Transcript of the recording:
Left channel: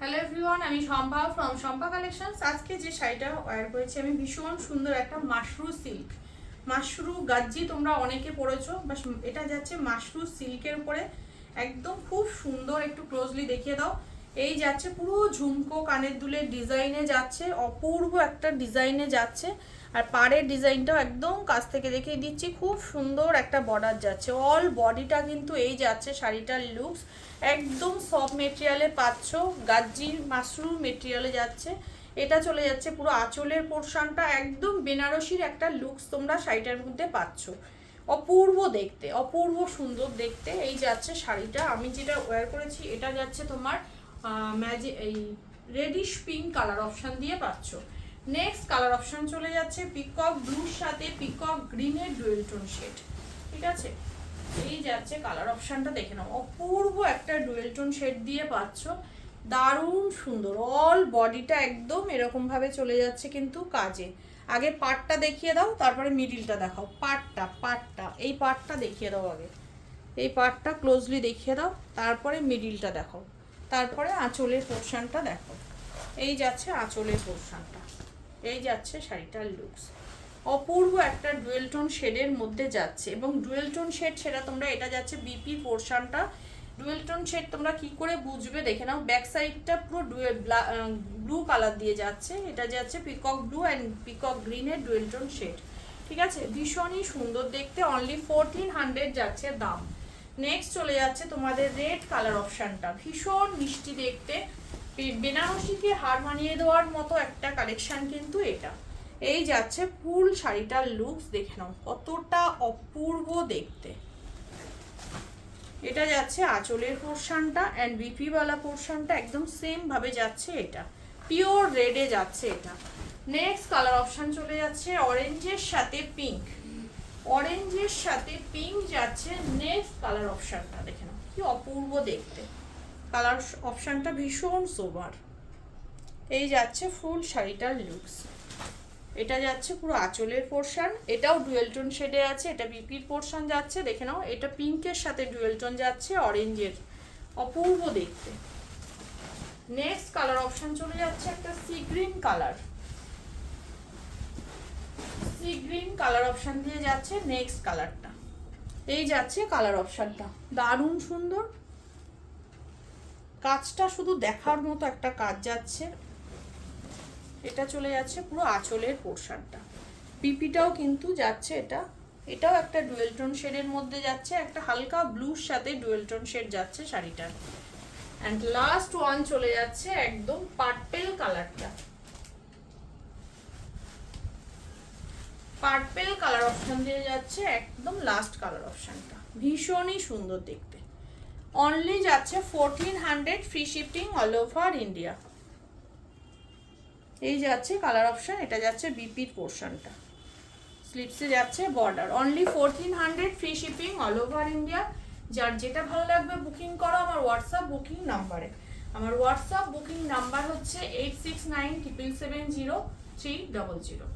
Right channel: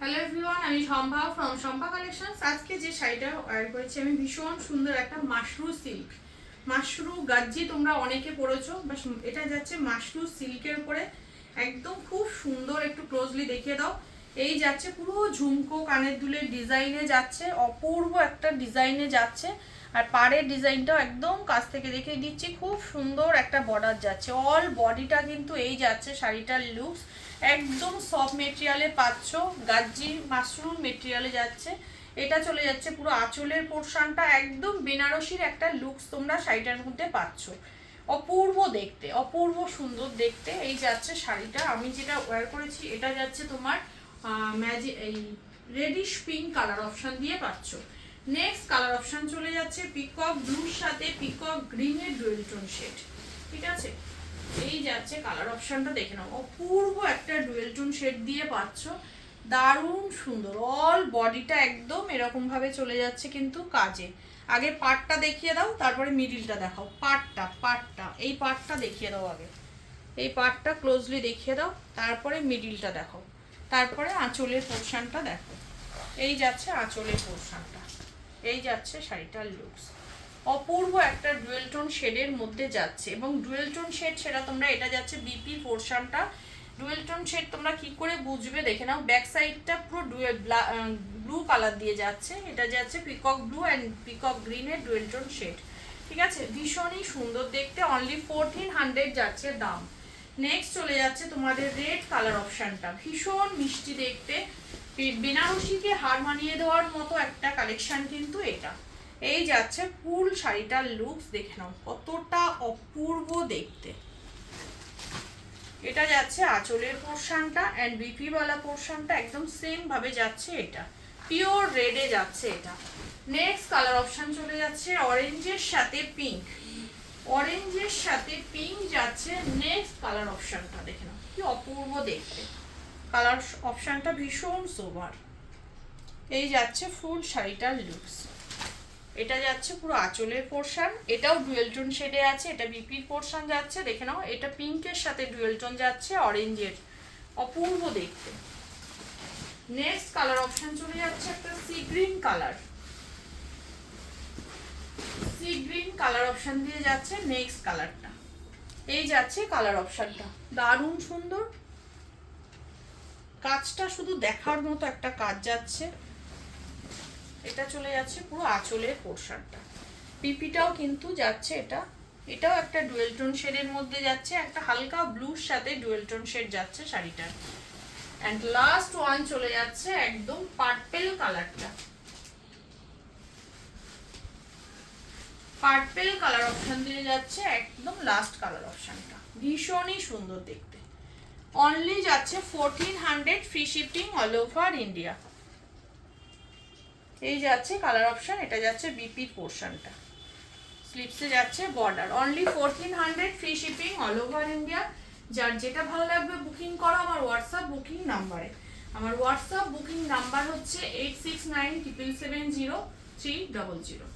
Hello everyone, আমি Shampa from Shampa collections. আজকে যে শাড়িটা ওয়্যার করেছি আমি ভীষণ সুন্দর একটা মাশরু সিল্ক, মাশরু গাজ্জি তোমরা অনেকে পরেছো, বাট এটা যাচ্ছে মাশরু সিল্কের উপরে একদম খুব সুন্দর। একটু ক্লোজলি দেখিয়ে দাও। এই যাচ্ছে পুরো ঝুমকো কানের দুলের ডিজাইনে যাচ্ছে, অপূর্ব একটা ডিজাইনে যাচ্ছে। আর পাড়ের ডিজাইনটাও একদম কাছ থেকে দেখিয়ে দিচ্ছি, খুব সুন্দর একটা বর্ডার যাচ্ছে। অল বডিটা কিন্তু এই যাচ্ছে শাড়িটার লুকস একদম সফট মেটেরিয়ালে পাচ্ছ, গাজ্জি মাশরু মেটেরিয়ালে যাচ্ছে। এটা চলে যাচ্ছে পুরো আঁচলের পোর্শনটা, একদম বেনারসির একটা লুকস তোমরা শাড়িটার মধ্যে পাচ্ছ। অপূর্ব দেখতে, অপূর্ব সুন্দর দেখতে এই যাচ্ছে শাড়িটা। আমি যেটা ওয়্যার করেছি এটা যাচ্ছে তোমার এই রেডিশ পিঙ্ক কালার অপশন দিয়ে পাচ্ছ। নেক্সট কালার অপশন চলে যাচ্ছে পিকক ব্লুর সাথে পিকক গ্রিনের ডুয়েল টোন শেড। ঠিক আছে, এই যাচ্ছে কালার অপশনটা, দেখে নাও। অপূর্ব একটা ডুয়েল টোন শেড দিয়ে পাচ্ছ, দারুণ সুন্দর। অল বডিটা একদম এরকম ভাবে চলে যাচ্ছে কিন্তু কাজে। আগে পার্টটা দেখিয়ে দাও, তারপরে মিডিলটা দেখাও। পার্টটা এই পার্টটা দেখিয়ে দাও আগে, এই পার্টটা ক্লোজলি দেখিয়ে দাও, তারপরে মিডিলটা দেখো, তারপরে আঁচলের পোর্শনটা দেখো। এই যাচ্ছে আঁচলের পোর্শনটা, এই যাচ্ছে শাড়িটার লুকস। অপূর্ব একটা ডুয়েল টোন শেডের মধ্যে যাচ্ছে, এবং ডুয়েল টোন শেড সেটা তোমরা, এটা যাচ্ছে বিপি পোর্শনটা। ডুয়েল টোন শেড তোমরা কি করে বুঝবে দেখে নাও। ব্যাক সাইডটা পুরো ব্লু কালার দিয়ে যাচ্ছে, এটা যাচ্ছে পিকক ব্লু অ্যান্ড পিকক গ্রিনের ডুয়েল টোন শেড। ঠিক আছে, ভীষণই সুন্দর দেখতে। অনলি 1400 যাচ্ছে দাম। নেক্সট চলে যাচ্ছে তোমাদের রেড কালার অপশনটা, ভীষণ মিষ্টি দেখতে, বেনারসিকে হার মানিয়ে দেওয়ার মতো একটা কালেকশন কিন্তু এটা। এই যাচ্ছে ফুল শাড়িটার লুকস, দেখে নাও কতটা অপূর্ব দেখতে। এটা যাচ্ছে আঁচলের পোর্শনটা অ্যান্ড বিপি ওয়ালা পোর্শনটা একদম সেম ভাবে যাচ্ছে, এটা পিওর রেডে যাচ্ছে এটা। নেক্সট কালার অপশন চলে যাচ্ছে অরেঞ্জের সাথে পিঙ্ক, অরেঞ্জের সাথে পিঙ্ক যাচ্ছে নেক্সট কালার অপশনটা, দেখে নাও কি অপূর্ব দেখতে। কালার অপশনটা ভীষণ সোবার। এই যাচ্ছে ফুল শাড়িটার লুকস। এটা যাচ্ছে পুরো আঁচলের পোর্শন, এটাও ডুয়েল টোন শেডে আছে, এটা বিপির পোর্শন যাচ্ছে, দেখে নাও। এটা পিঙ্কের সাথে ডুয়েল টোন যাচ্ছে অরেঞ্জের, অপূর্ব দেখতে। নেক্সট কালার অপশন চলে যাচ্ছে একটা sea green colour, sea green colour option দিয়ে যাচ্ছে নেক্সট কালারটা। এই যাচ্ছে কালার অপশনটা, দারুণ সুন্দর। কাজটা শুধু দেখার মতো একটা কাজ যাচ্ছে। এটা চলে যাচ্ছে পুরো আঁচলের পোর্শনটা, পিপিটাও কিন্তু যাচ্ছে এটা, এটাও একটা ডুয়েল টোন শেডের মধ্যে যাচ্ছে, একটা হালকা ব্লুর সাথে ডুয়েল টোন শেড যাচ্ছে শাড়িটার। এন্ড লাস্ট ওয়ান চলে যাচ্ছে একদম পার্পেল কালারটা, পার্পেল কালার অপশন দিয়ে যাচ্ছে একদম লাস্ট কালার অপশনটা, ভীষণই সুন্দর দেখতে। অনলি যাচ্ছে 1400, free shifting all over India. এই যাচ্ছে কালার অপশন, এটা যাচ্ছে বিপির পোর্শনটা, স্লিপসে যাচ্ছে border. Only 1400, free shipping all over India. যার যেটা ভালো লাগবে বুকিং করো আমার হোয়াটসঅ্যাপ বুকিং নাম্বারে। আমার হোয়াটসঅ্যাপ বুকিং নাম্বার হচ্ছে 8697703000।